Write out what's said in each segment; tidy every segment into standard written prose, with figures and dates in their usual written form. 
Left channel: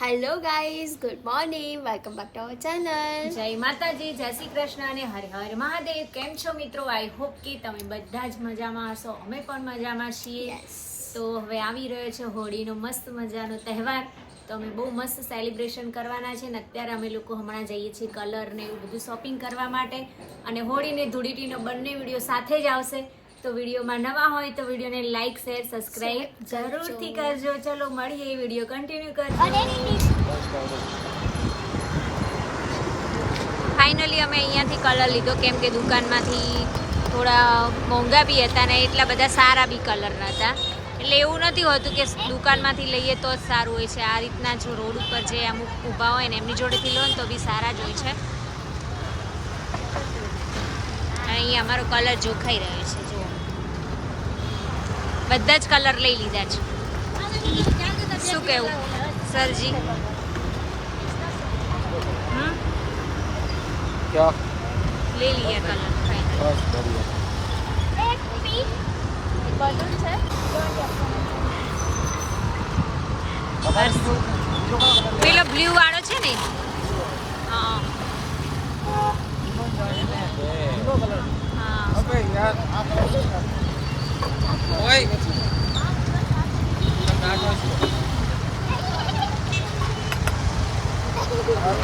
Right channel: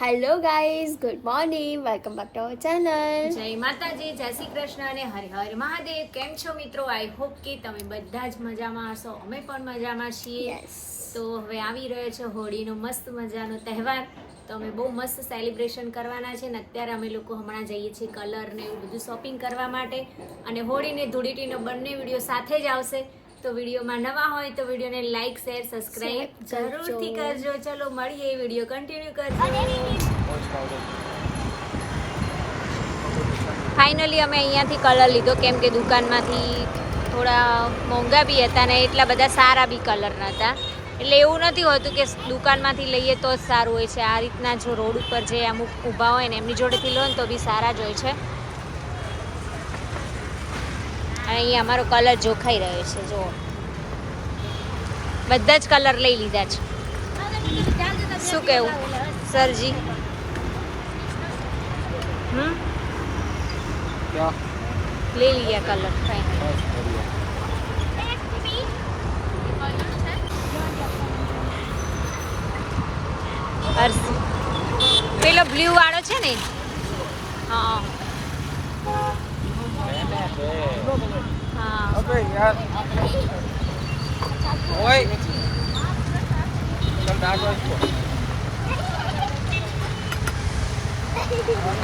Hello guys, good morning, welcome back to our channel. જય માતાજી, જય શ્રી કૃષ્ણ અને હર હર મહાદેવ. કેમ છો મિત્રો? આઈ હોપ કે તમે બધા જ મજામાં હશો. અમે પણ મજામાં છીએ. યસ. તો હવે આવી રહ્યો છે હોળીનો મસ્ત મજાનો તહેવાર. તો અમે બહુ મસ્ત સેલિબ્રેશન કરવાના છે ને અત્યારે અમે લોકો હમણાં જઈએ છીએ કલર ને એવું બધું શોપિંગ કરવા માટે. અને હોળીને ધૂળેટીનો બંને વિડીયો સાથે જ આવશે. તો વિડીયોમાં નવા હોય તો વિડીયોને લાઈક શેર સબસ્ક્રાઇબ જરૂરથી કરજો. ચલો મળીએ, વિડીયો કન્ટિન્યુ કરજો. ફાઇનલી અમે અહીંયાથી કલર લીધો કેમ કે દુકાનમાંથી થોડા મોંઘા બી હતા ને એટલા બધા સારા બી કલર નહોતા. એટલે એવું નથી હોતું કે દુકાનમાંથી લઈએ તો જ સારું હોય છે. આ રીતના જો રોડ ઉપર જે અમુક ઊભા હોય ને એમની જોડેથી લો ને તો બી સારા જ હોય છે. અને અહીંયા અમારો કલર જોખાઈ રહ્યો છે. જુઓ, બધા જ કલર લઈ લીધા છે. શું કહેવું સરજી? क्या ले लिया कलर फाइनल. बस बढ़िया પેલો બ્લુ વાળો છે ને? હા હા.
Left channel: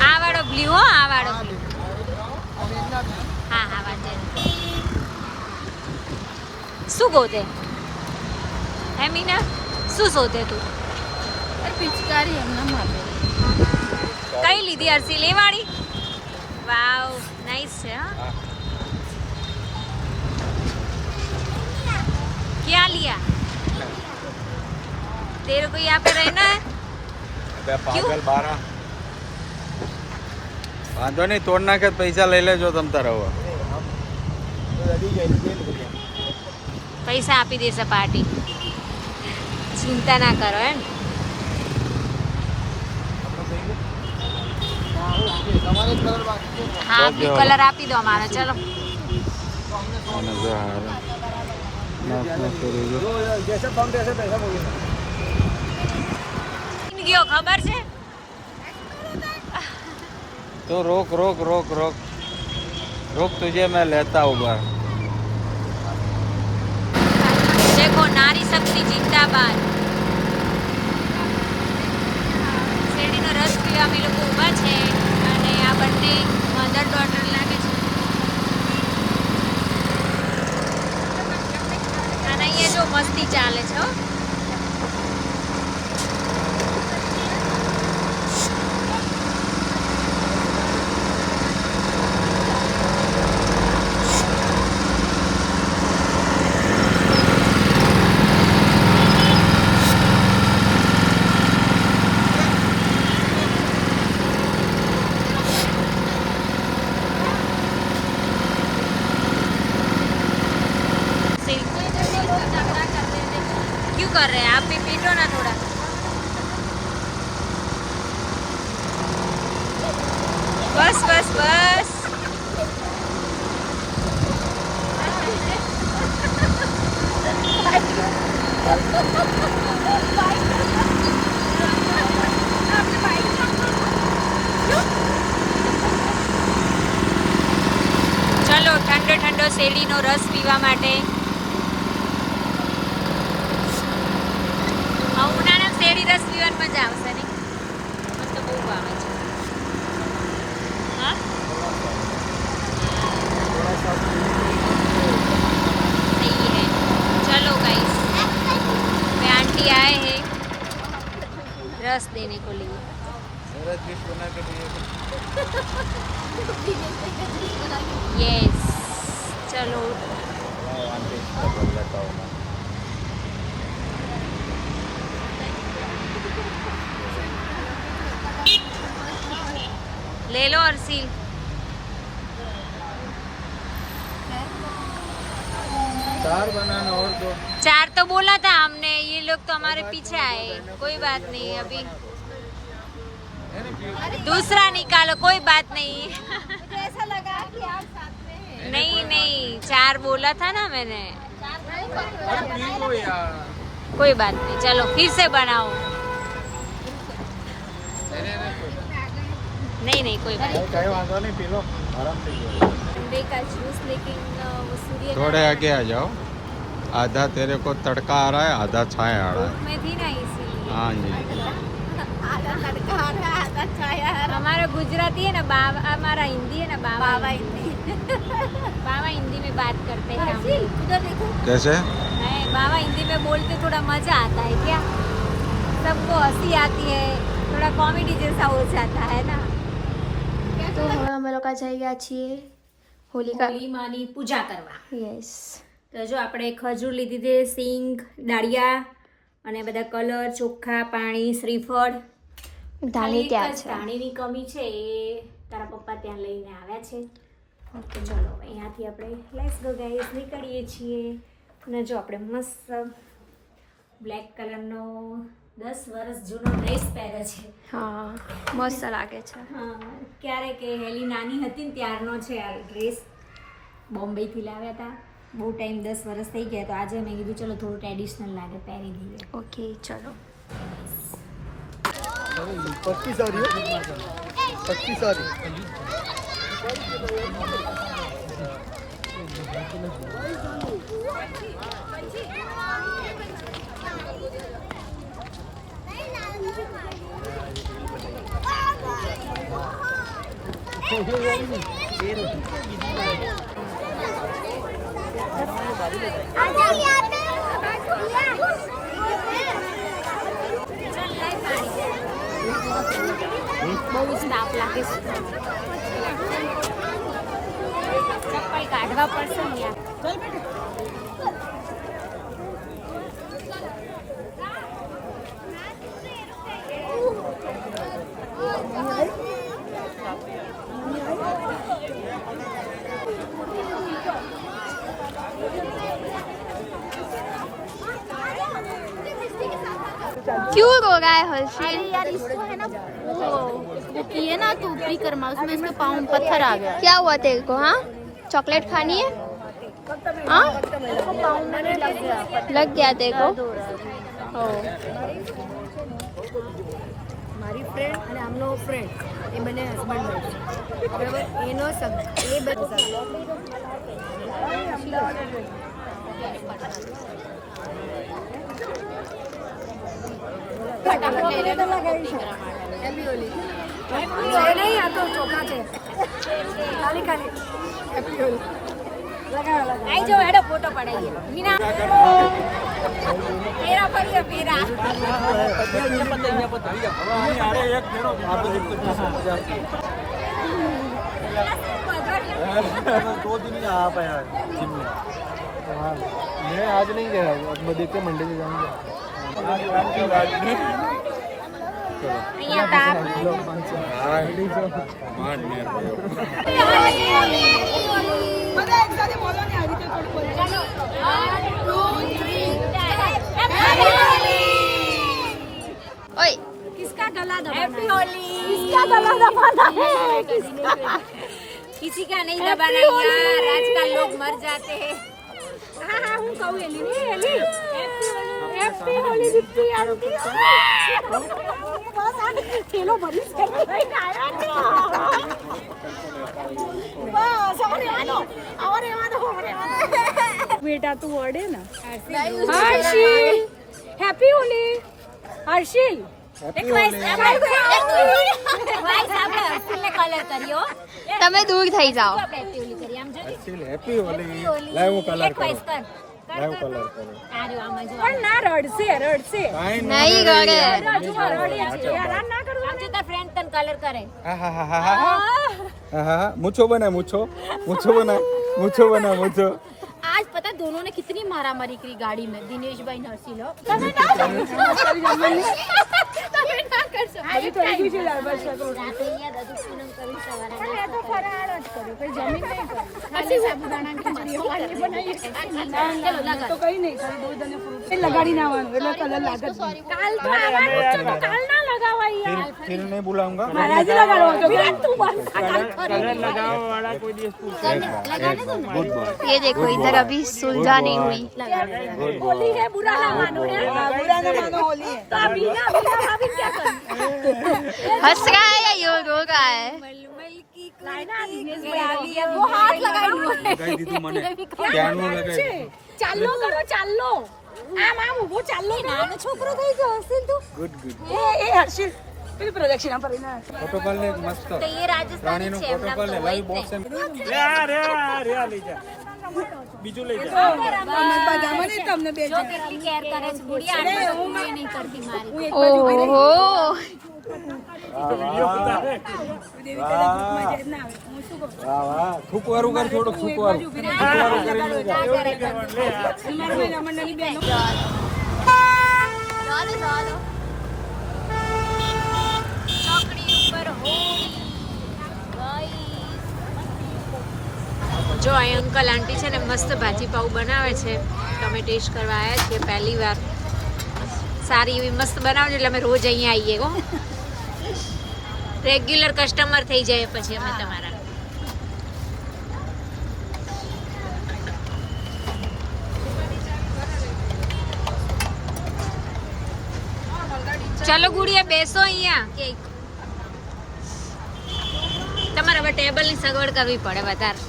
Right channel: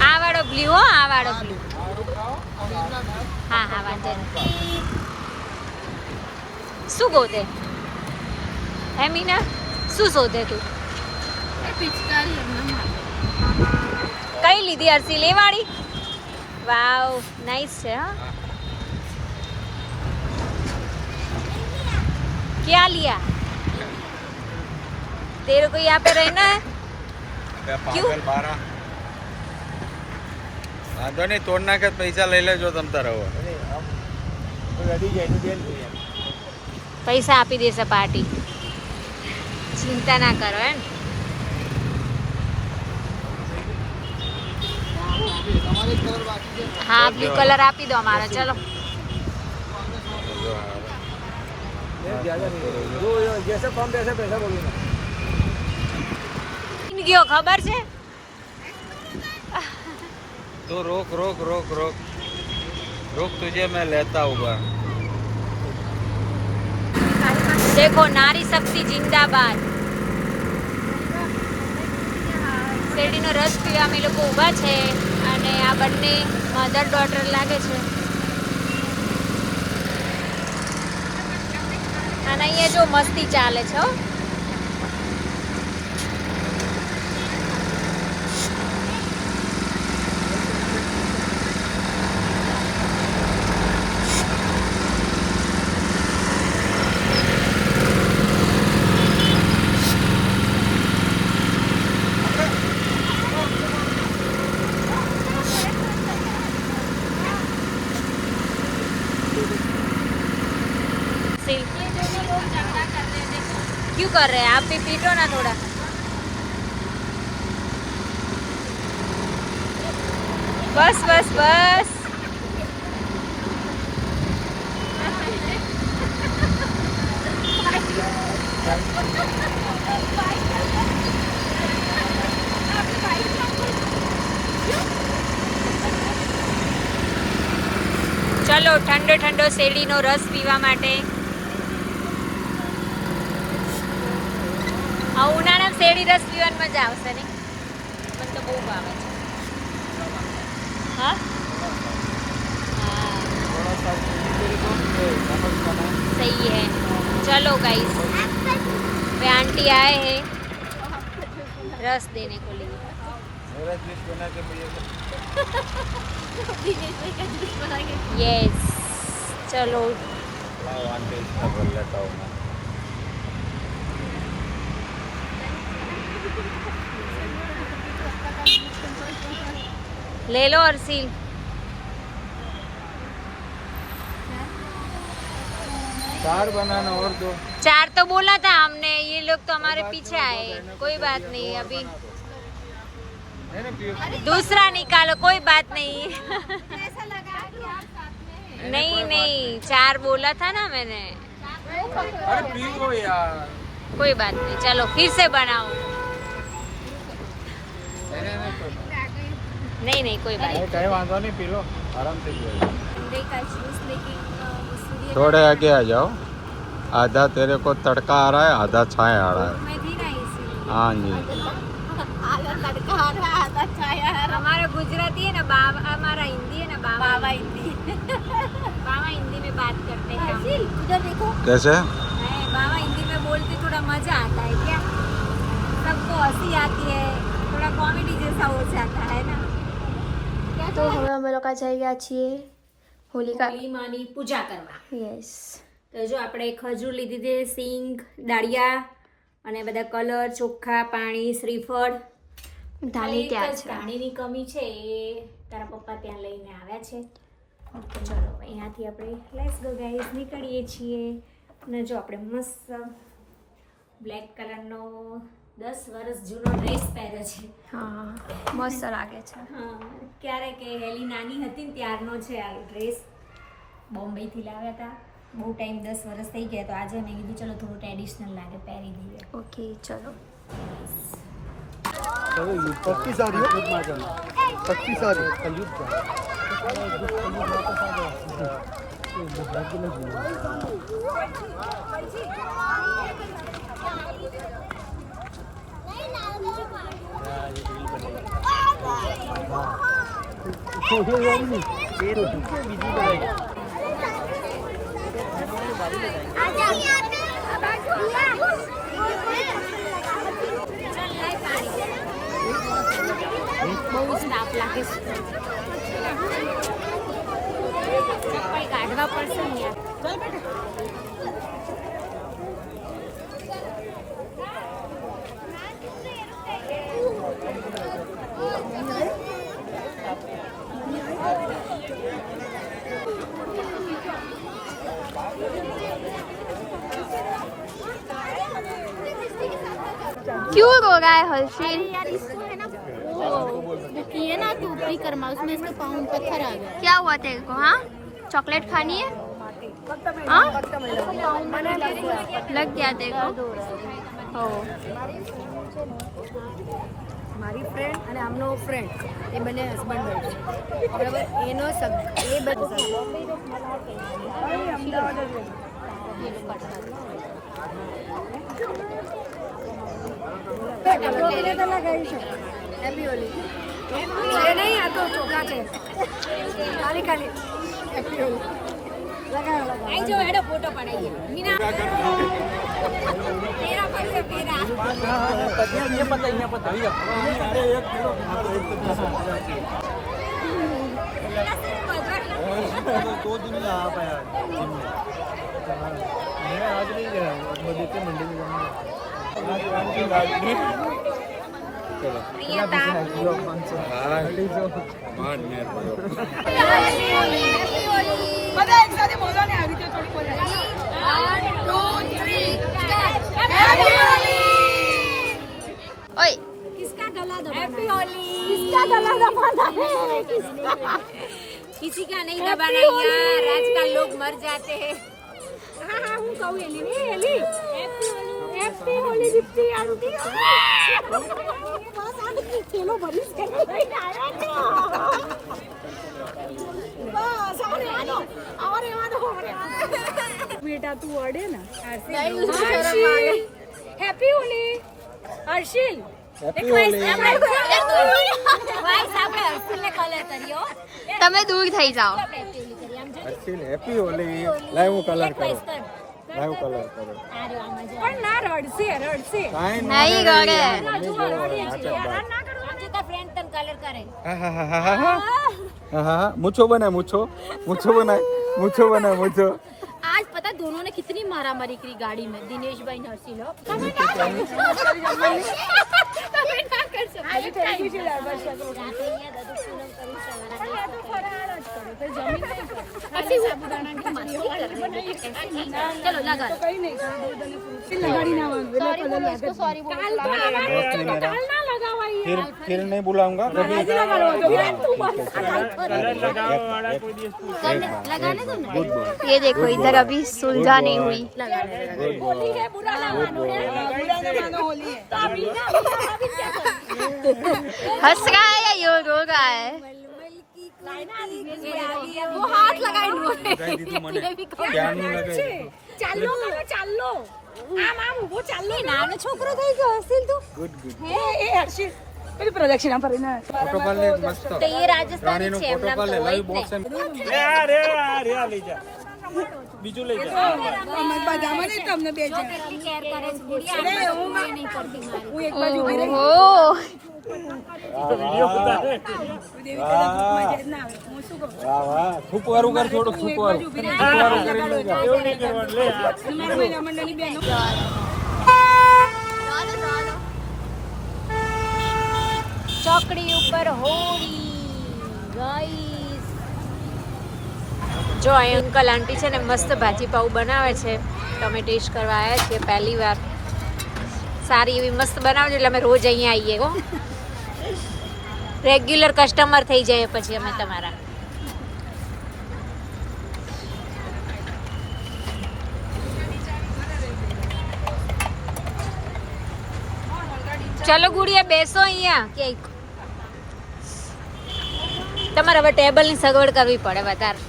આ વાળો બ્લુ, હો આ વાળો બ્લુ. હા હા, વાંધો નહીં. શું ગોતે હે મીના? શું શોધે તું? પિચકારી એમના કઈ લીધી અરસી? લેવાળી? વાવ, નાઈસ છે. હા, क्या लिया? तेरे को यहाँ पे रहना है? अबे पागल 12 वांधो नहीं, तोड़ना के पैसा ले ले जो तम तारे हो. પૈસા આપી દેશે પાર્ટી, ચિંતા ના કરો. હે ને? હા, બ્લુ કલર આપી દો અમારો. ચલો ગયો, ખબર છે? तो रोक रोक रोक रोक रोक, तुझे मैं लेता हूँ बाहर. देखो, नारी शक्ति जिंदाबाद. શેરડીનો રસ પીવા અમે લોકો ઊભા છે અને આ બંને મધર ડોટર લાગે છે. અને અહીંયા જો મસ્તી ચાલે છે. હો, क्यों कर रहे हैं आप भी? पीटो ना थोड़ा. बस बस बस. ચલો ઠંડો ઠંડો શેરડીનો રસ પીવા માટે. ઉનાળામાં શેરડી રસ પીવાની મજા આવશે ને? મને તો બહુ ભાવે છે. हाँ सही है. चलो गाइस, वे आंटी आए हैं रस देने को लिए. यस, चलो. ले लो अर्सील. चार बनाना और दो. 4 तो बोला था हमने, ये लोग तो हमारे पीछे आए. कोई बात नहीं, अभी दूसरा निकालो, कोई बात नहीं. ऐसा लगा कि आप साथ में हैं. नहीं नहीं, 4 बोला था ना मैंने. अरे पी लो यार. कोई बात नहीं, चलो फिर से बनाओ. नहीं नहीं कोई बात कहीं वांधा नहीं पी लो आराम से ठंडे का जूस लेकिन वो सूर्य थोड़े आगे आ जाओ आधा तेरे को तड़का आ रहा है आधा छाया आ रहा है मैं थी ना इसीलिए हाँ जी आधा तड़का आ रहा है आधा छाया आ रहा हमारा गुजराती है ना बाबा हमारा हिंदी है ना है। बाबा बाबा हिंदी बाबा हिंदी में बात करते हैं हम। हर्षिल उधर देखो। कैसे है बाबा हिंदी में बोलते थोड़ा मजा आता है क्या सबको हंसी आती है थोड़ा कॉमेडी जैसा हो जाता है ना તો હવે અમે લોકો જઈ ગયા છીએ હોલિકા હોળી માની પૂજા કરવા યસ તો જો આપણે ખજૂર લીધી છે સિંગ ડાળિયા અને બધા કલર ચોખ્ખા પાણી શ્રીફળ ધાણી ખાલી ત્યાં એક જ છે ધાણીની કમી છે એ તારા પપ્પા ત્યાં લઈને આવ્યા છે ઓકે ચલો અહીંયાથી આપણે લેટ્સ ગો ગાઈસ નીકળીએ છીએ અને જો આપણે મસ્ત બ્લેક કલરનો 10 વર્ષ જૂનો ડ્રેસ પહેર્યો છે હા મસ્ત લાગે છે હા ક્યારે કે હેલી નાની હતી ને ત્યારનો છે આ ડ્રેસ બોમ્બેથી લાવ્યા હતા બહુ ટાઈમ 10 વર્ષ થઈ ગયા તો આજે મેં કીધું ચલો થોડું ટ્રેડિશનલ લાગે પહેરી દઈએ ઓકે ચલો पक्की सारी पक्की सारी બહુ જ તાપ લાગે છે ચપ્પલ કાઢવા પડશે ને યાર क्यों रो रहा है हर्षिल यार इसको है ना वो किए ना तो ऊपरी कर्मा उसमें इसके पाँव में पत्थर आ गया क्या हुआ तेरे को हाँ चॉकलेट खानी है हाँ उसको पाँव में नहीं लग गया लग गया तेरे को ओ મારી ફ્રેન્ડ અને આમનો ફ્રેન્ડ એ બંને હસબન્ડ વાઈફ છે બરાબર એનો એ બધું હેપી હોલી નહીં આ તો ચોખા છે ખાલી ખાલી હેપી હોલી લગાવો લગાવો આઈ જો હેડો ફોટો પડાઈએ મીના પેરા પડીએ પેરા मैं आज नहीं गया देखते मंडे में जाएंगे आज रात की रात में અહીંયા તાપ બધા એક સાથે બોલો ને આવી રીતે થોડી બોલે 1 2 3 હેપી હોલી ओए किसका गला हैप्पी होली किसका गला दबाना है किसी का नहीं दबाना यार आजकल लोग मर जाते हैं हाँ हाँ हूँ कहूँ एली नहीं एली हैप्पी होली दीप्ति आंटी बस आंटी खेलो बड़ी से आया तो बस और आनो बेटा तू वर्डे ना हर्षिल हैप्पी होली हर्षिल વાઈસ આપણે હર્ષિલને કલર કર્યો તમે દૂર થઈ જાઓ આપણે હેપી હોલી કરી આમ જો हैप्पी होली लाइव कलर એક વાઈસ करो કર लाइव कलर करो આ રહ્યો આમાં જો પણ ના રડશે રડશે काई नहीं रोड़े। આમ જો તાર ફ્રેન્ડ તને કલર કરે मुछो बना मुछो मुछो आज पता दोनों ने कितनी मारा मारी करी गाड़ी में दिनेश भाई नरसिल चलो लगा लगाड़ी ना कलर लागत काल तो आवाज काल ना लगावा यार फिर नहीं बुलाऊंगा महाराज जी लगा लो विराट तू बस कलर लगाओ वाला कोई दिवस लगाने दो ना। गुड बॉय ये देखो इधर अभी सुलझा नहीं हुई। गुड बॉय बुरा ना मानो होली हंस रहा है या यो रो रहा है? वो हाथ लगाई लो लगाई दी तू मने क्या नो लगाई ચાલો કરો ચાલો આમ આમ ઊભો ચાલો નાનો છોકરો થઈ ગયો હસીલ તું गुड गुड એ હર્ષિલ પેલું પ્રદક્ષિણા ફરીને फोटो कॉल ले मस्त તો એ રાજસ્થાની रानी नो છે फोटो कॉल ले लाइव बॉक्स યાર લઈ જા બીજું લઈ જા અમે બધામાં નહીં તમને બે જો કેટલી કેર કરે છે ગુડિયા આપણે તો કોઈ નહીં કરતી મારી હું એક બાજુ ઉભી રહી ओहो દેવી કદા ગ્રુપમાં જાય ના આવે હું શું કહું वाह थूक वारू कर छोड़ो હું थूक એક वारू બાજુ ઉભી રહી લગાડો મારી મહિલા મંડળની બહેનો ચોકડી ઉપર જો અહીં અંકલ આંટી છે ને મસ્ત ભાજી પાઉં બનાવે છે તો અમે ટેસ્ટ કરવા આવ્યા છીએ પહેલી વાર સારી એવી મસ્ત બનાવજો એટલે અમે રોજ અહીંયા આવીએ હો રેગ્યુલર કસ્ટમર થઈ જાય પછી અમે તમારા ચલો ગુડિયા બેસો અહીંયા કે તમારે હવે ટેબલની સગવડ કરવી પડે વધારે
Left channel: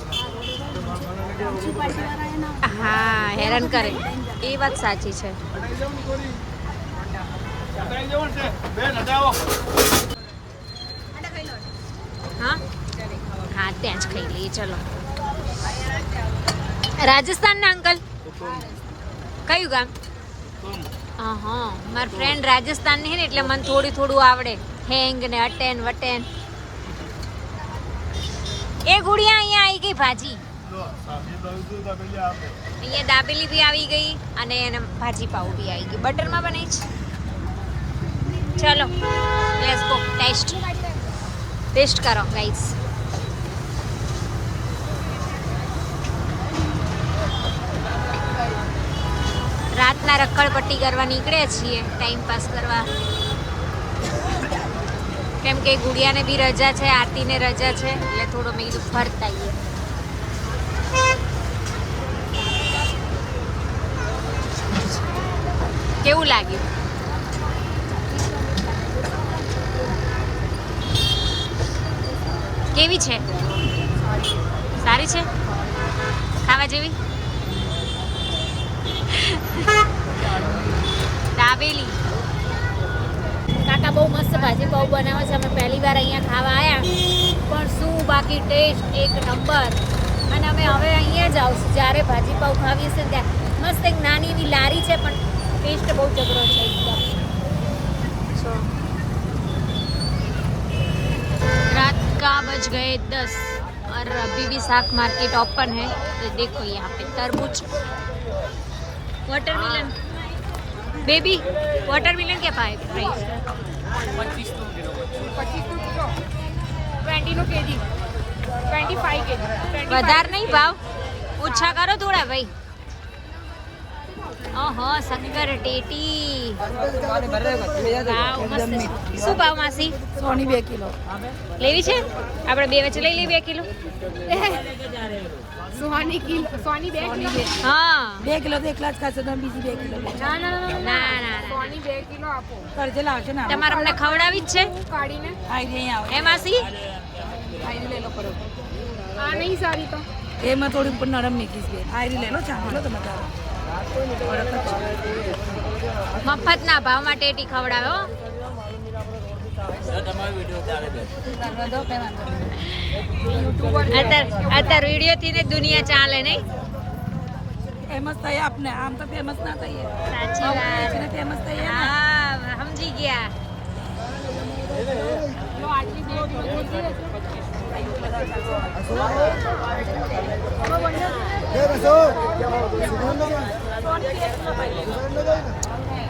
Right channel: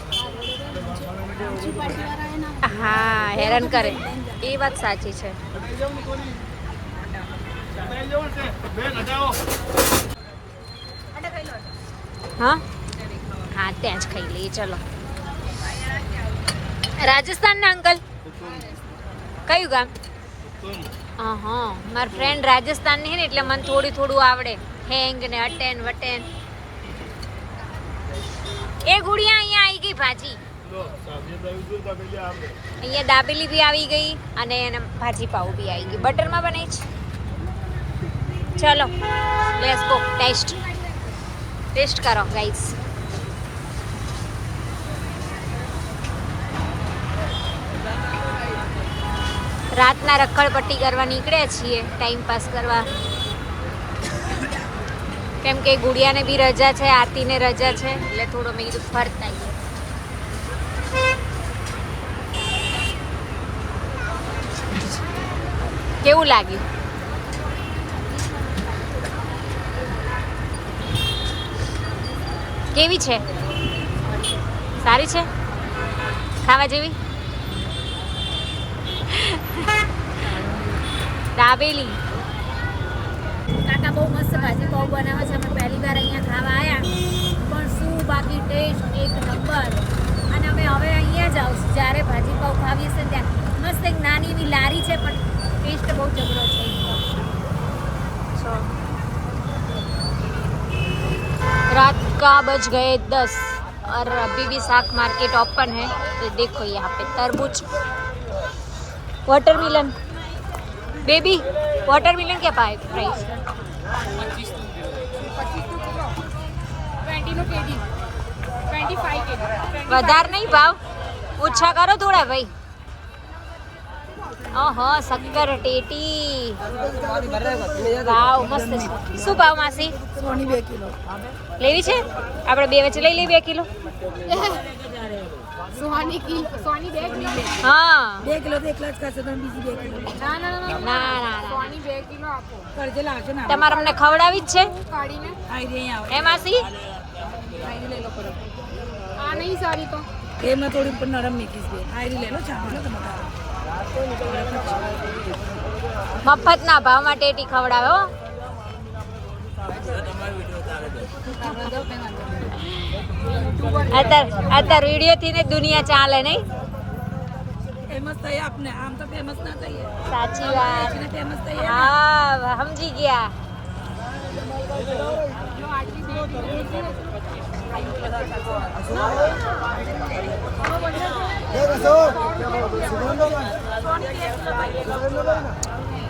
હા હેરાન કરે એ વાત સાચી છે હા હા ત્યાં જ ખાઈ લઈએ ચલો રાજસ્થાનના અંકલ કયું ગામ હા મારા ફ્રેન્ડ રાજસ્થાનની છે ને એટલે મને થોડું આવડે હેંગ ને અટેન વટેન એ ગુડિયા અહીંયા આવી ગઈ ભાજી અહીંયા દાબેલી બી આવી ગઈ અને એને ભાજી પાઉં બી આવી ગઈ બટરમાં બનાવી છે ચલો લેટ્સ ગો ટેસ્ટ કરો ગાઈસ રાતના રખડપટ્ટી કરવા નીકળ્યા છીએ ટાઈમ પાસ કરવા કેમ કે ગુડિયાને બી રજા છે આરતીને રજા છે એટલે થોડો મેં કીધું ફરતા આવીએ કેવું લાગ્યું કેવી છે સારી છે ખાવા જેવી દાબેલી કાકા બહુ મસ્ત ભાજી પાઉં બનાવે છે અમે પહેલી વાર અહીંયા ખાવા આવ્યા પણ શું બાકી ટેસ્ટ એક નંબર અને અમે હવે અહીંયા જ આવશું જ્યારે ભાજી પાઉં ખાવી હશે ને ત્યાં મસ્ત એક નાની એવી લારી છે પણ ટેસ્ટ બહુ જબરો છે એકદમ रात का बज गए 10 और अभी भी साग मार्केट ओपन है तो देखो यहाँ पे तरबूज वाटरमेलन बेबी वाटरमेलन क्या प्राइस 20 kg 25 kg વધાર નહીં ભાવ ઓછા કરો થોડા ભાઈ ઓહો શક્કર ટેટી વાવ મસ્ત છે શું ભાવ માસી સોની 2 કિલો લેવી છે આપણે બે વચ્ચે લઈ લઈએ 2 કિલો સોની 2 કિલો હા 2 કિલો તો એકલા જ ખાશે તમે બીજી 2 કિલો ના સોની 2 કિલો આપો કરજે લાવશે ને તમારે અમને ખવડાવી જ છે કાઢીને આઈ રહી આવો હે માસી આઈ લઈ લો કરો આ નહીં સારી તો એમાં થોડી ઉપર નરમ નીકળી છે આઈ લઈ લો ચાલો તમારે મફતના ભાવમાં ટેટી ખવડાવે હો અત્યારે વિડીયો થી ને દુનિયા ચાલે નહીં ફેમસ થાય આપને આમ તો ફેમસ ના થઈએ સાચી વાત ફેમસ થઈએ હા સમજી ગયા જો આટલી 2 કિલો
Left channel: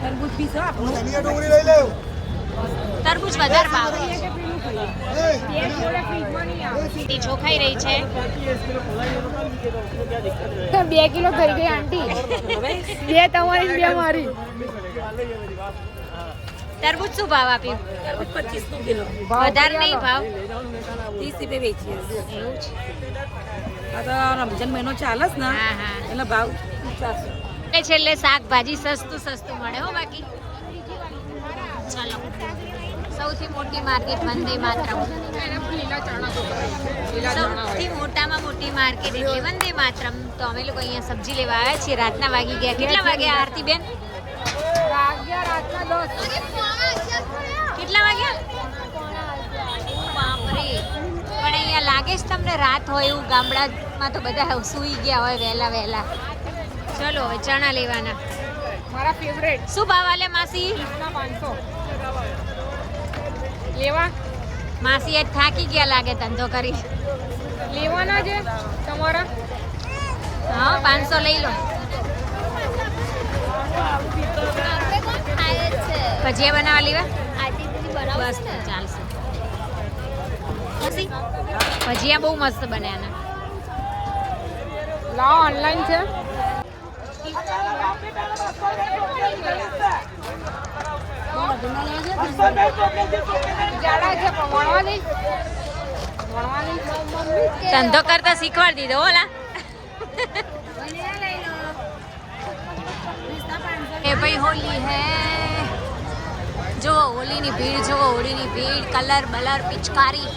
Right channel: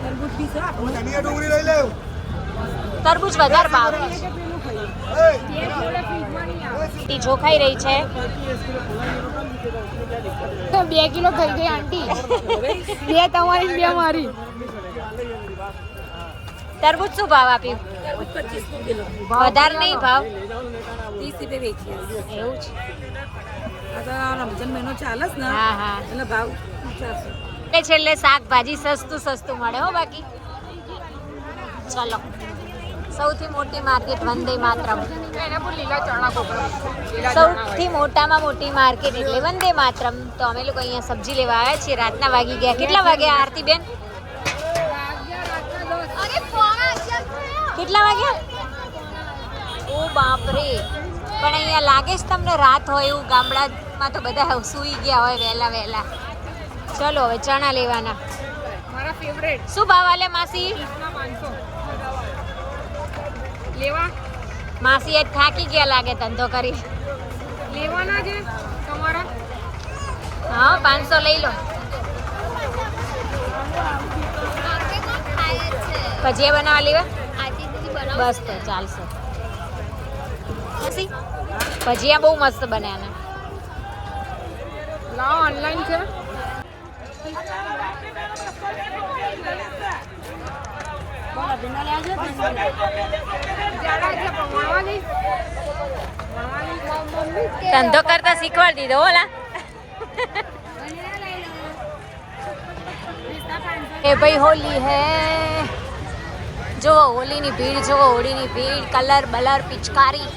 તરબૂચ બી છે તરબૂચ વધારે ભાવ ટી જોખાઈ રહી છે 2 કિલો થઈ ગઈ આંટી બે તમારી બે મારી તરબૂચ શું ભાવ આપ્યું? 25 કિલો વધારે નહીં ભાવ? 30 રૂપિયા વેચીએ. એવું છે. આ તો રમજાન મહિનો ચાલે છે ને હા હા. એટલે ભાવ ઊંચા છે. છેલ્લે શાકભાજી સસ્તું મળે હો. બાકી ચલો, સૌથી મોટી માર્કેટ વંદે માતરમ. સૌથી મોટામાં મોટી માર્કેટ એટલે વંદે માતરમ. તો અમે લોકો અહીંયા સબ્જી લેવા આવ્યા છીએ. રાતના વાગી ગયા. કેટલા વાગ્યા આરતી બેન? કેટલા વાગ્યા? ઓ બાપરે! પણ અહીંયા લાગે છે તમને રાત હોય એવું? ગામડામાં તો બધા સૂઈ ગયા હોય વહેલા. ચલો હવે ચણા લેવાના. મારા ફેવરેટ શું ભાવ આલે માસી? 500 લેવા. માસી આજ થાકી ગયા લાગે ધંધો કરી. લેવાના છે તમારા? હા 500 લઈ લો. ભજીયા બનાવવા લેવા? બસ તો ચાલશે. ભજીયા બહુ મસ્ત બન્યા. લાવ ઓનલાઈન છે. ધંધો કરતા શીખવાડી દીધો ઓલા. એ ભાઈ હોલી હે. જો હોલીની ભીડ, જો હોળીની ભીડ, કલર બલર પિચકારી.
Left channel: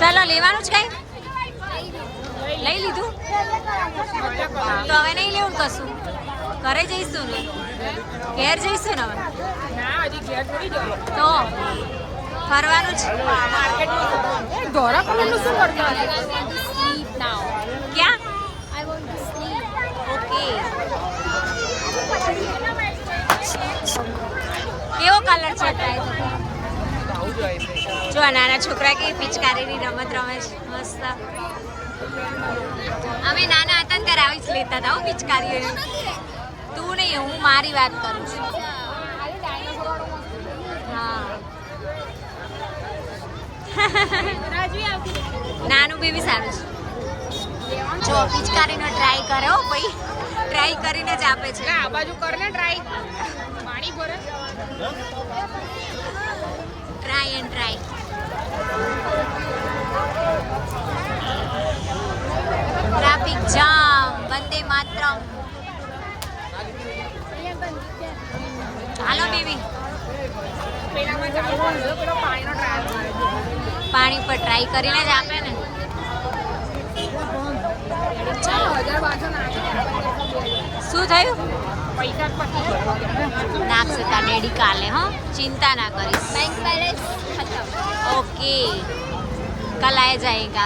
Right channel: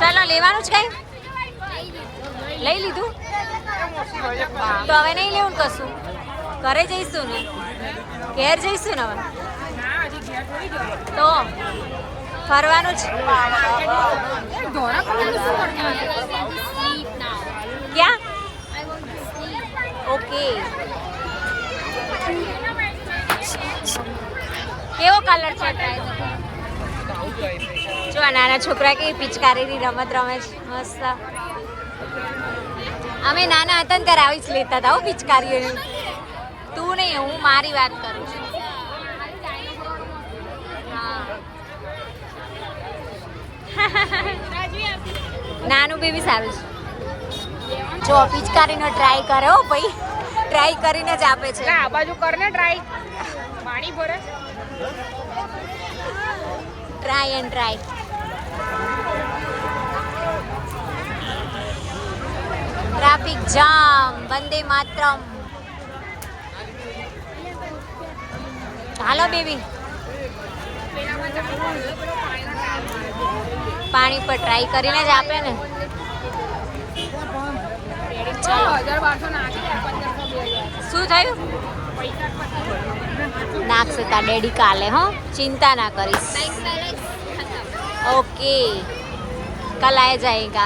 ચાલો લેવાનું જ કઈ લઈ લીધું તો હવે નહીં લેવું કશું. ઘરે જઈશું ને, ઘેર જઈશું ને હવે તો ફરવાનું જ. ક્યાં? ઓકે. કેવો કલર છે? ટ્રાય તો કરો. જો આ નાના છોકરા કે પિચકારીની રમત રમે છે મસ્ત. અમે નાના હતા ને ત્યારે આવી જ લેતા હતા પિચકારીઓની. તું નહીં, હું મારી વાત કરું છું. હા નાનું બેબી સારું છે. જો પિચકારીનો ટ્રાય કરે હો ભાઈ, ટ્રાય કરીને જ આપે છે. આ બાજુ કરને ટ્રાય. પાણી ભરે. Try and try. Traffic jam, Vande Mataram. Hello baby, પાણી પર ટ્રાય કરીને જ આપે ને. ચાલો, શું થયું? નાખશે તા ડેડી કાલે. હો, ચિંતા ના કરીશ. ओके कल आ जाएगा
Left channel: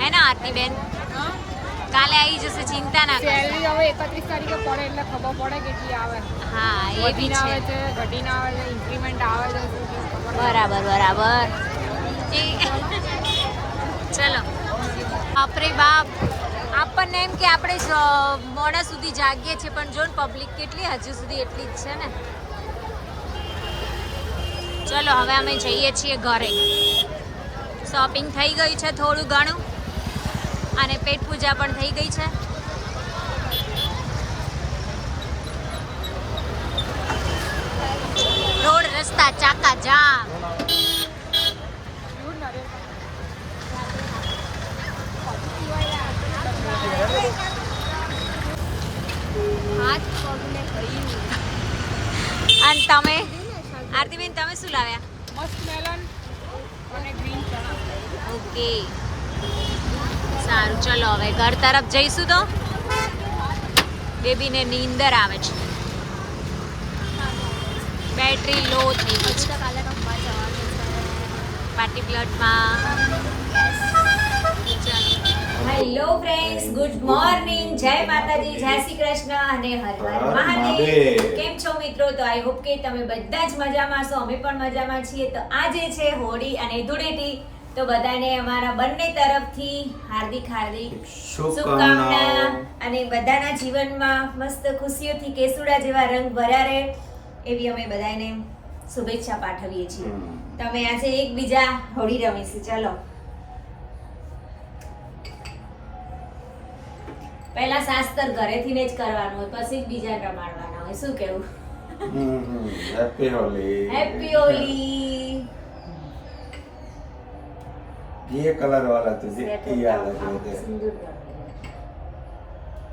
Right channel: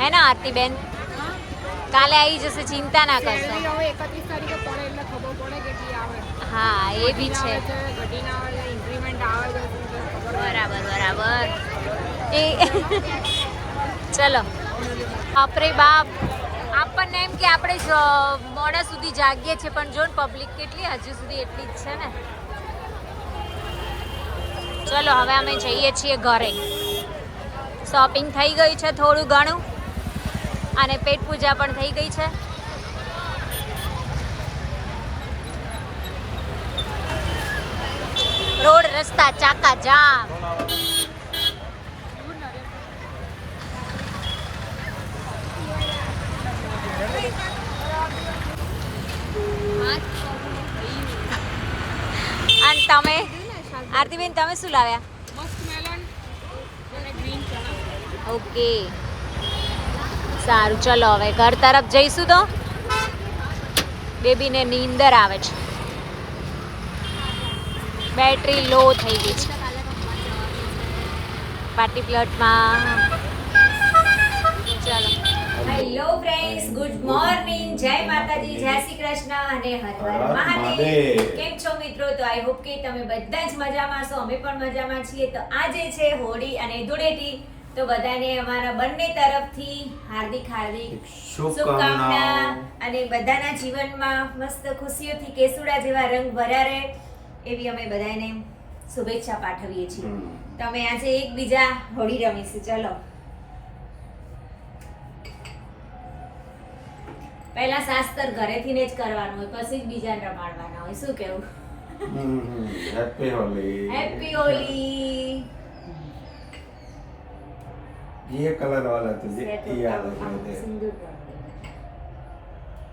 है ना आरती बेन? काले आई जैसे चिंता ना करता. હવે 31 તારીખે પડે એટલે ખબર પડે કેટલી આવે. हाँ ये भी છે. ઘટીને આવે, ઇન્ક્રીમેન્ટ આવે. બરાબર બરાબર. એ ચલો બાપરે બાપ. આપણને એમ કે આપણે મોડા સુધી જાગીએ છીએ, પણ જો પબ્લિક કેટલી હજુ સુધી એટલી જ છે ને. ચલો હવે અમે જઈએ છીએ ઘરે. શોપિંગ થઈ ગઈ છે થોડું ઘણું, અને પેટ પૂજા પણ થઈ ગઈ છે. રોડ રસ્તા ચાકા જામ. અને તમે આરતીબેન તમે શું લાવ્યા? મસ્ત મેલન અને ગ્રીન ચણા. ઓકે સારું, ચલો હવે ઘર તરફ જઈશું. તો બેબીને નીંદર આવે છે, બેટરી લો થઈ ગઈ છે. પાર્ટી પ્લોટમાં ચાલો. હેલો ફ્રેન્ડ્સ, ગુડ મોર્નિંગ, જય માતાજી, જય શ્રી કૃષ્ણ અને હર હર મહાદેવ. કેમ છો મિત્રો? તો આઈ હોપ કે તમે બધા જ મજામાં છો. અમે પણ મજામાં છીએ. તો આજે છે હોળી અને ધૂળેટી. તો બધાને અમારા બંને તરફથી હાર્દિક શુભકામના, અને બધાના જીવનમાં મસ્ત ખુશીઓથી કેસુડા જેવા રંગ ભર્યા રહે એવી અમે બધાને શુભેચ્છા પાઠવીએ છીએ. તમે આજે એકબીજા હોળી રમીશું. ચલો પહેલા શાસ્ત્ર ઘરેથી ને જ કરવાનું હોય, પછી જ બીજાને રમાડવાના હોય. શું કેવું? હેપી હોલી. હેપી હોલી. ये कलर वाला तुझे याद है સિંદૂર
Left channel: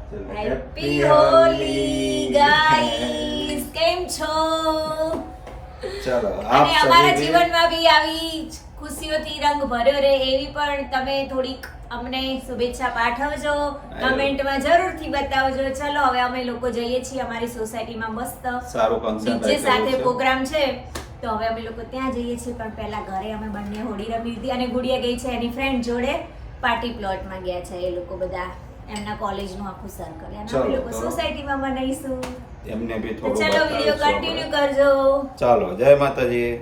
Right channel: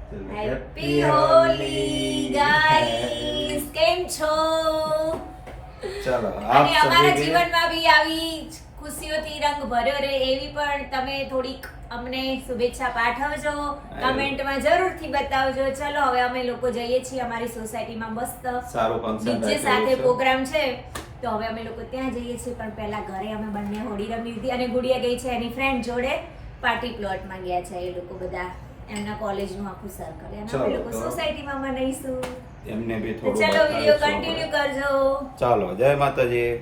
चलो હેપી હોલી ગાઈસ. કેમ છો? चलो आप અને અમારા सभी જીવનમાં બી આવી જ ખુશીઓથી રંગ ભર્યો રહે એવી પણ તમે થોડીક અમને શુભેચ્છા પાઠવજો, કમેન્ટમાં જરૂરથી બતાવજો. ચલો હવે અમે લોકો જઈએ છીએ અમારી સોસાયટીમાં મસ્ત સારું ફંક્શન ડીજે સાથે પ્રોગ્રામ છે, તો હવે અમે લોકો ત્યાં જઈએ છીએ. પણ પહેલા ઘરે અમે બંને હોળી રમી લીધી અને ગુડિયા ગઈ છે એની ફ્રેન્ડ જોડે પાર્ટી પ્લોટમાં ગયા છે. એ લોકો બધા એમના કોલેજનું આખું સર્કલ અને અમે લોકો સોસાયટીમાં મનાઈશું. એમને બી તો થોડું ચલો વિડિયો બતાવીશું કન્ટિન્યુ આપણે. કરજો. ચાલો જય માતાજી.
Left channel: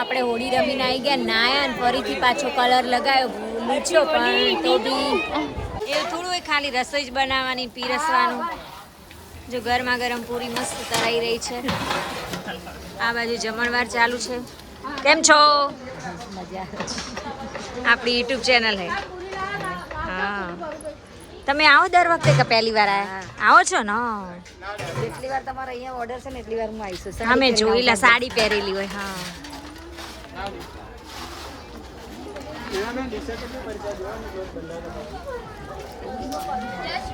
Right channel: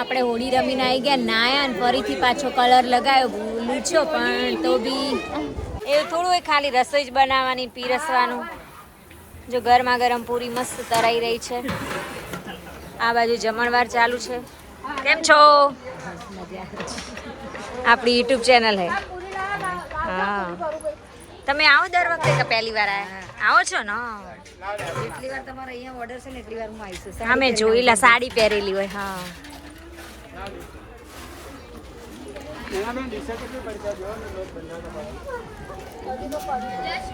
આપણે હોળી રમીને આવી ગયા, નાયા ને ફરીથી પાછો કલર લગાવ્યો, લૂછ્યો, પણ તો બી એવું થોડું હોય, ખાલી રસોઈ જ બનાવવાની, પીરસવાનું. જો ગરમા ગરમ પૂરી મસ્ત તરાઈ રહી છે. આ બાજુ જમણવાર ચાલુ છે. કેમ છો? આપણી યુટ્યુબ ચેનલ હે. હા, તમે આવો દર વખતે કે પહેલી વાર આવો છો ને? જેટલી વાર તમારો અહીંયા ઓર્ડર છે ને એટલી વાર હું આવીશું. હા, મેં જોઈલા, સાડી પહેરેલી હોય. હા,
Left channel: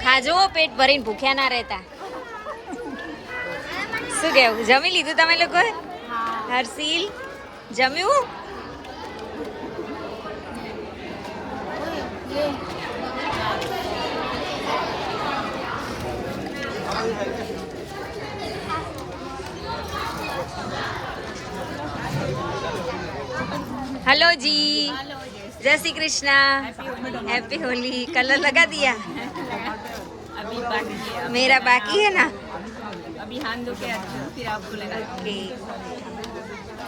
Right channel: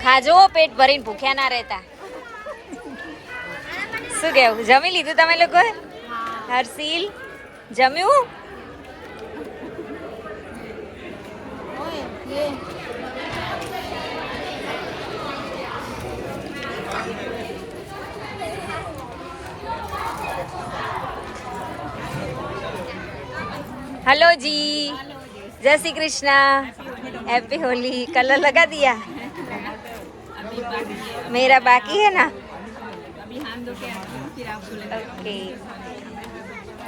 ખાજો પેટ ભરીને ભૂખ્યા ના રહેતા. શું કેવું, જમી લીધું તમે લોકો? હર્ષિલ જમ્યું? हेलो जी, जय श्री कृष्णा, हैप्पी होली. कलर लगा दिया? अभी बाकी है, मेरा बाकी है ना. अभी हाथ धो के आती हूँ फिर आपको लगा. ओके,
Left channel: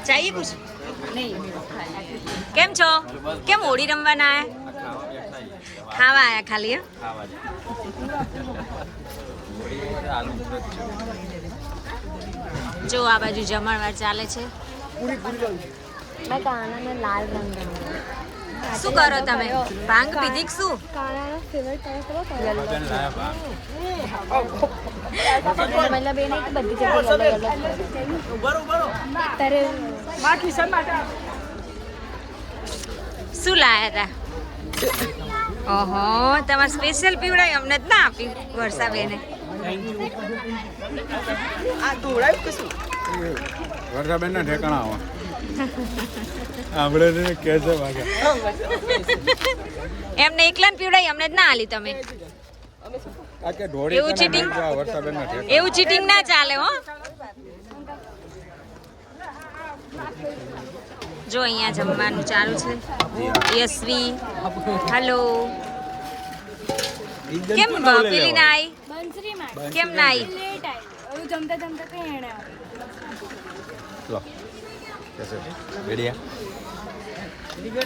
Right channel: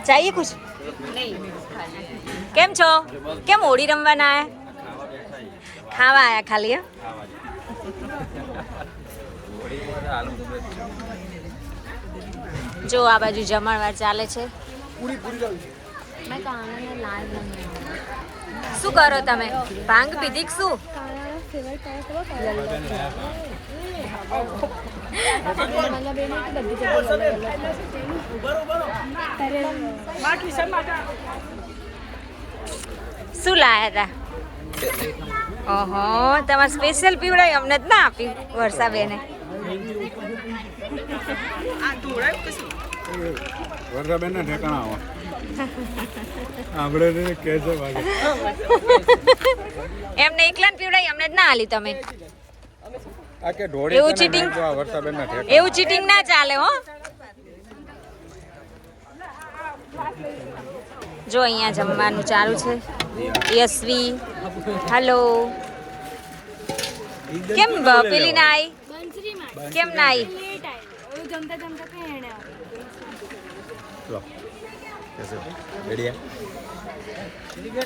चाहिए कुछ? नहीं કેમ છો? કેમ હોળી રમવાના આયા? ખાવા આયા ખાલી? હે? જો આ બાજુ જમણવાર ચાલે છે. શું કરો તમે? ભાંગ પીધી કે શું? મતલબ એને કે બધી જગ્યાએ અલગ અલગ શું લાયા હતા? ઓહો, તમારે સ્પેશિયલ પીવડાય, અમને જ ના આપ્યું વર્ષાબેને. વર્ષાબેન ના ઠેકાણા આવા આપણે કે છે વાગે એમને એકલા પીવડાય, અમને જ ના આલી તમે. આ કે ઢોળી એવું cheating? વર્ષાબેન ના ઠેકાણા એવું ચીટિંગ ના ચાલે હો. જો અહીંયા જમવાનું ચાલુ છે. યશવી હેલો. કેમ પેલી ના આવી? કેમ ના આવી? જમતા જમતા કઈ એને લો બેડિયા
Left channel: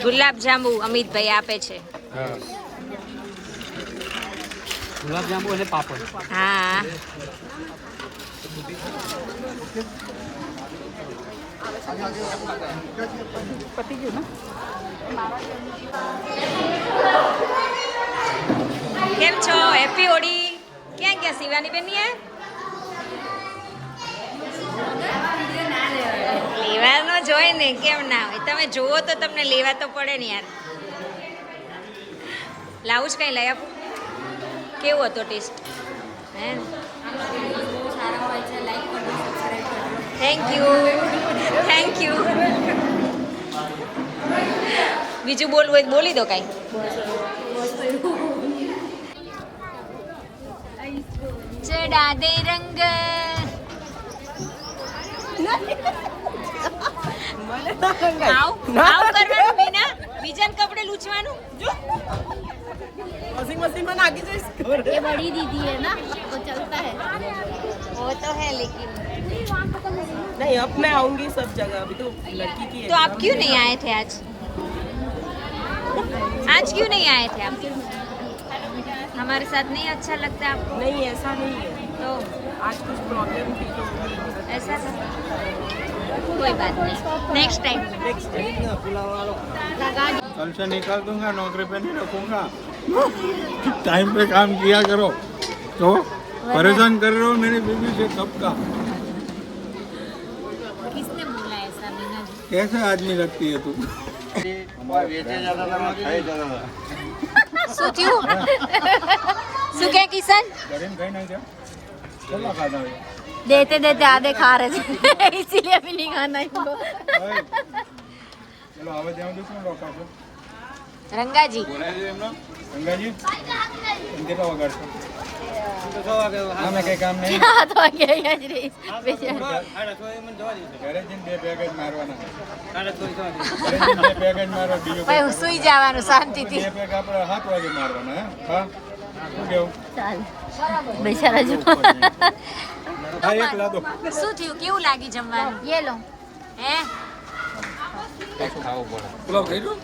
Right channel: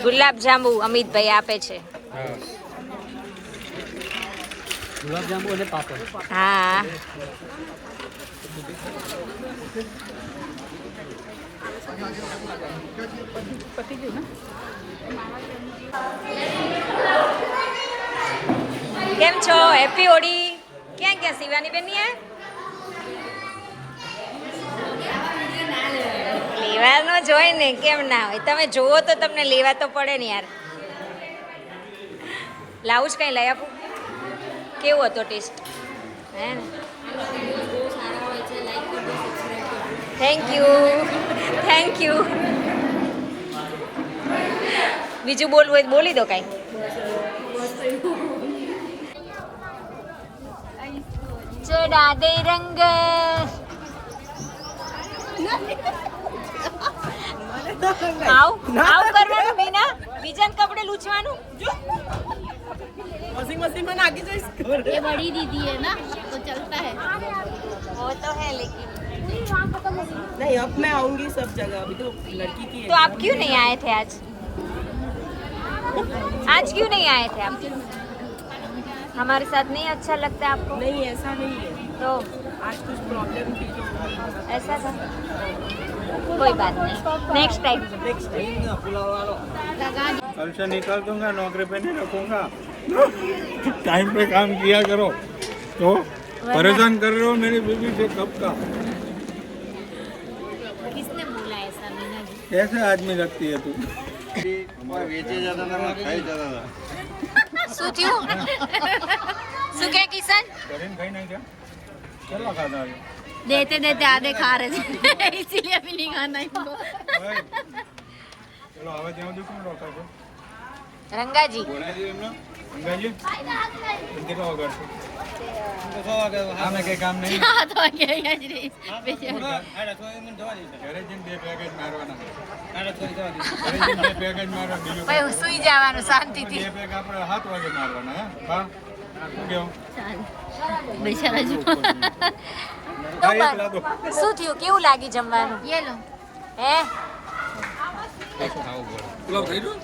ગુલાબ જાંબુ અમિતભાઈ આપે છે. ગુલાબ જાંબુ અને પાપડ. હા, કેમ છો? હેપી હોળી. ક્યાં ગયા શિવાની બેન? લેવાનો જ હોય ને, કેમ ના હોય? તમે જોવો તો તમને લેવા તો પડે ને યાર. લાવું જ કઈ લઈ આપું? કેવો હતો ટેસ્ટ? હે, થેન્ક યુ, થેન્ક યુ. બીજું બોલવું હોય તો બોલી દો કાંઈ. ચડા દે રંગ. આવ કરવાનું બીના, બીજાને કપડે લૂછવાનું. वॉशिंग मशीन में नागी जो ये बड़ी दीदी है ना तो चलता है. वो तो है लेकिन नहीं अब मैं आऊंगी सब जगह अभी तो लड़की की तो आप क्यों नहीं आए थे आज? आज क्यों नहीं आए थे आप? हमारे साथ नहीं अच्छा लगता आपको? नहीं ऐसा नहीं है तो आज कुछ प्रॉब्लम थी तो ऐसा था, कोई बात नहीं, नेक्स्ट टाइम. नेक्स्ट कल से निकाल दूंगा, नौकरी पे नहीं रखूंगा. टाइम पे काम किया करो. तो परेशान कर रहे हो मेरी बीवी से कब का. किसने बोला ऐसा मीना जी? कैसे आदमी लगती है तू. શું થયું? શું કે કિશન? देते देते आधे खा रहे थे इसीलिए अभी नहीं खाना इनको. ચલો હવે ત્યાં સુધી શું રોકા છો? રંગાજી બોલાવી એમનો ગંગાજી એમ કેટલા વગાડશો? અમે કઈ કામ નહીં. तो आगे गजरी ઘરે જઈને 2 પેકેટ મારવાના. ઘરે જઈને 2 પેકેટ મારવા, બીજું ભાઈ હું સુઈ જવાનું શાંતિથી. 2 પેક આપણે 7 વાગે મારવાના. હે હા શું કેવું? बेचारा जो હા એક લાદો. શું થયું? કેવું લાગી જમવાનું? ये लो હે, પાછું ખાવું બોલો. પેલો થઈ ગયો?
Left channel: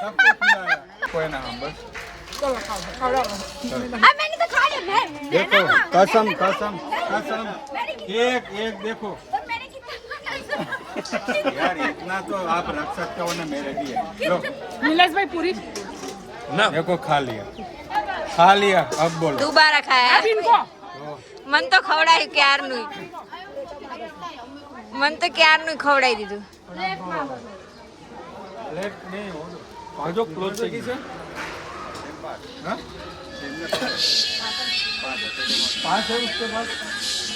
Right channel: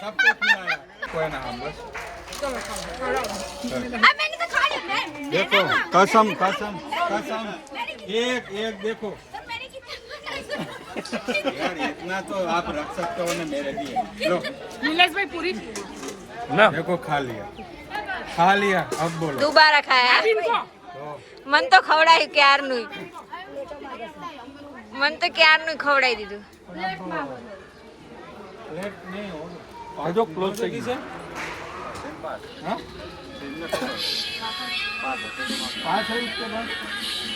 सबको खिलाया. कोई ना हम बस. देखो कसम कसम कसम एक एक देखो यार इतना तो आप रख सकते हो ना मेरे लिए. लो नीलेश भाई पूरी देखो खा लिया अब बोलो. દુબારા ખાયા. इनको મન તો ખવડાયું ક્યારનું. મને તો ક્યારનું ખવડાવી દીધું. प्लेट नहीं हो बाजू क्लोज की से हाँ 5 है उसके बाद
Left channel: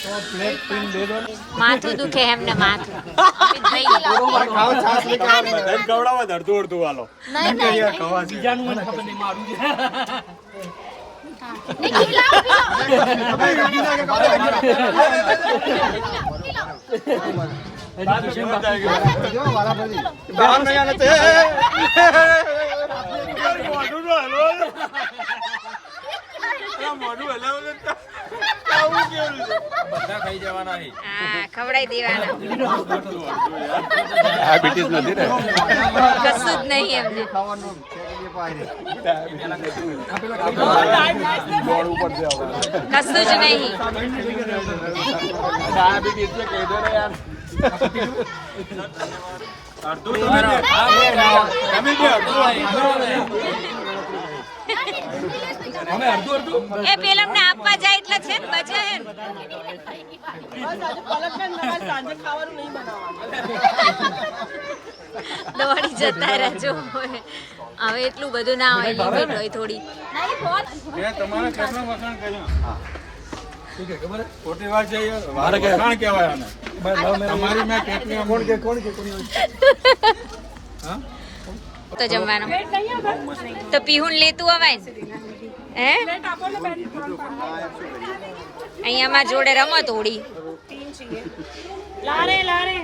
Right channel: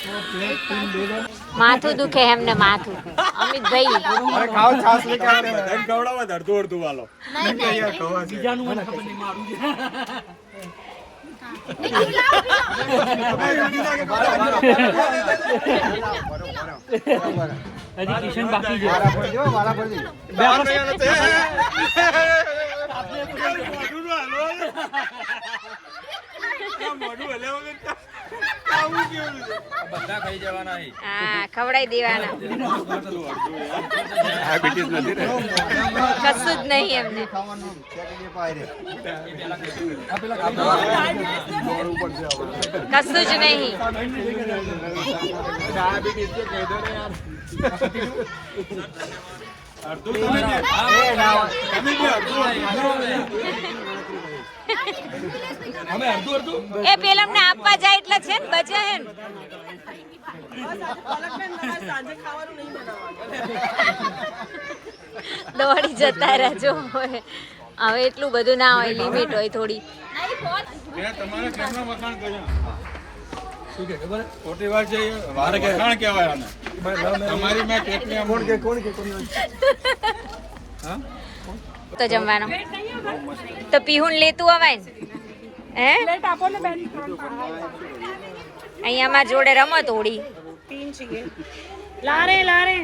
तो प्लेट 3 दे दो માથું દુખે એમને માથું. અમિતભાઈ खाओ छाछ लेके आओ बधाई खवડાવો અડધું અડધું વાલો નહીં કે યાર ખવા બીજાનું મને ખબર નહીં મારું છે બધા ખાઈ જવાના હા ખવડાવી દેવાના. કશું જ નહીં એમને. કશું જ નહીં. એ પેલમને આપવા જાય એટલે છે ને બચે હે ને. દોડી જતા રહેજો. હવે એટલું બધું ના હોય, લિમિટ હોય થોડી. તમારે ઘરના મકાન કર્યા ખોટી વાત છે મારે વખાણ કહેવાય આને તમારી મેં કેટલી કોણ કે હા તો જમવાનો તો પીહુન લેતું અવાય ને હે. અહીંયા માં જોડે રમત હોડી. લારે લારે